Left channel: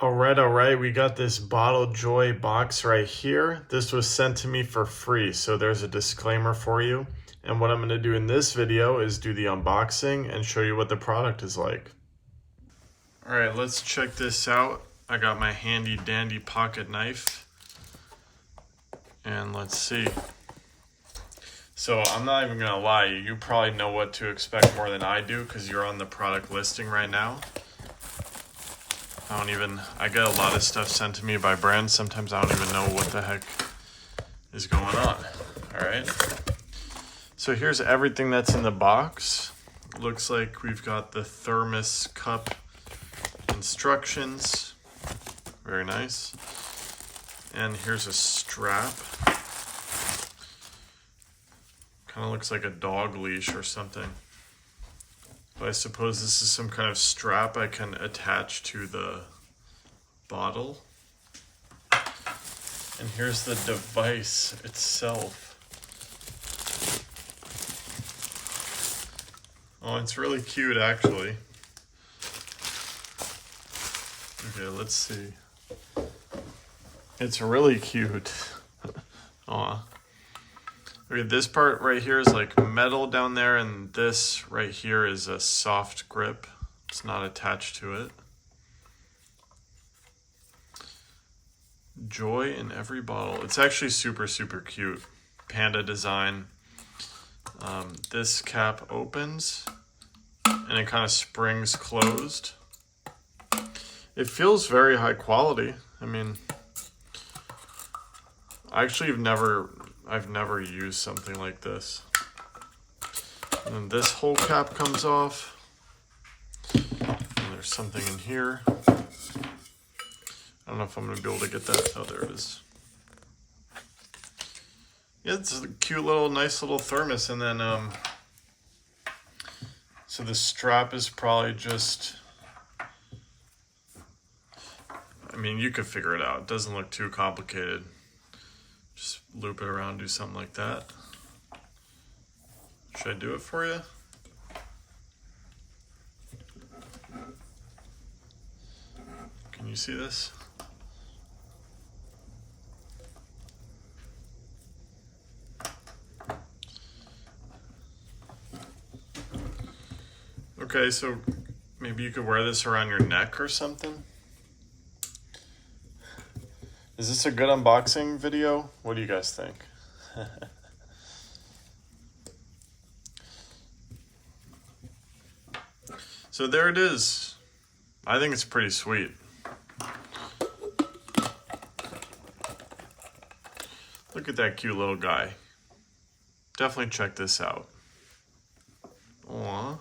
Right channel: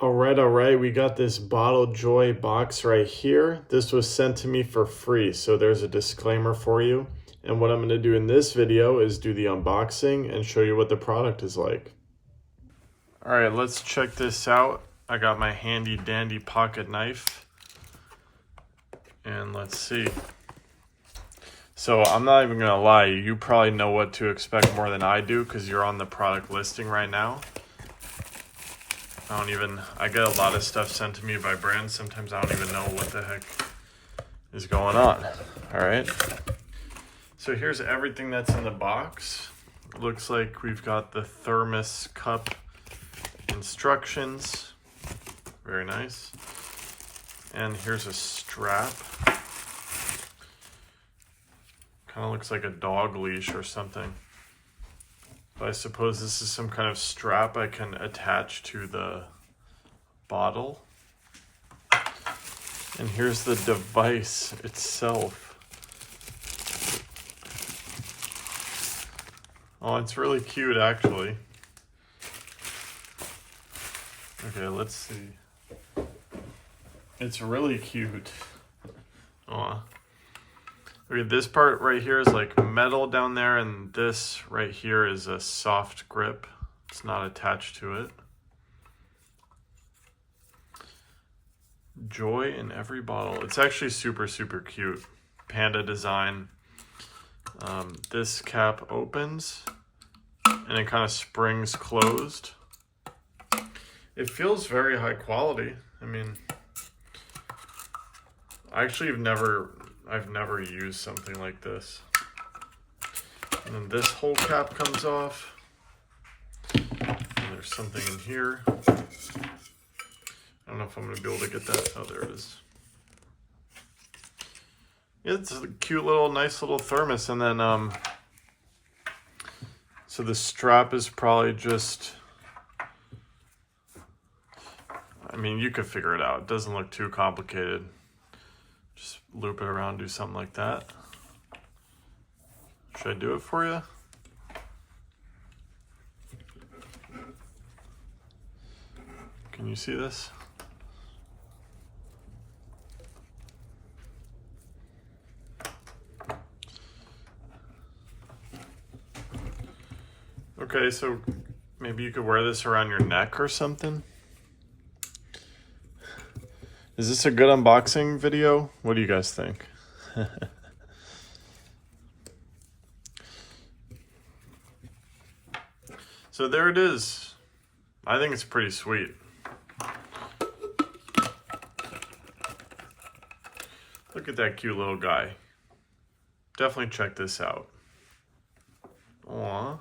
All right, we got this Bottle Joy box right here. This was sent to me for free, so there's a disclaimer for you. And what I'm gonna do in this video is do the unboxing and show you what the product is like. All right, let's check this out. I got my handy dandy pocket knife. And let's see. So I'm not even gonna lie, you probably know what to expect more than I do because you're on the product listing right now. I get a lot of stuff sent to me by brands. Sometimes I don't even know what the heck is going on. All right. So here's everything that's in the box. It looks like we've got the thermos cup instructions. Very nice. And here's a strap. Kind of looks like a dog leash or something. But I suppose this is some kind of strap I can attach to the bottle. And here's the device itself. Oh, it's really cute actually. Okay, let's see. It's really cute. Aw. Okay, this part right here is like metal down there, and this right here is a soft grip. It's not attached to it. Joy in every bottle. It's actually super, super cute. Panda design. This cap opens and it kind of springs closed. It feels very high quality. I mean, I've never used something like this. And then this whole cap comes off. And there's something in here. I don't know if I'm gonna be able to get that. Oh, there it is. Yeah, it's a cute little, nice little thermos. And then, so the strap is probably just, I mean, you could figure it out. It doesn't look too complicated. Just loop it around, do something like that. Should I do it for you? Can you see this? Okay, so maybe you could wear this around your neck or something. Is this a good unboxing video? What do you guys think? So there it is. I think it's pretty sweet. Look at that cute little guy. Definitely check this out. Aww.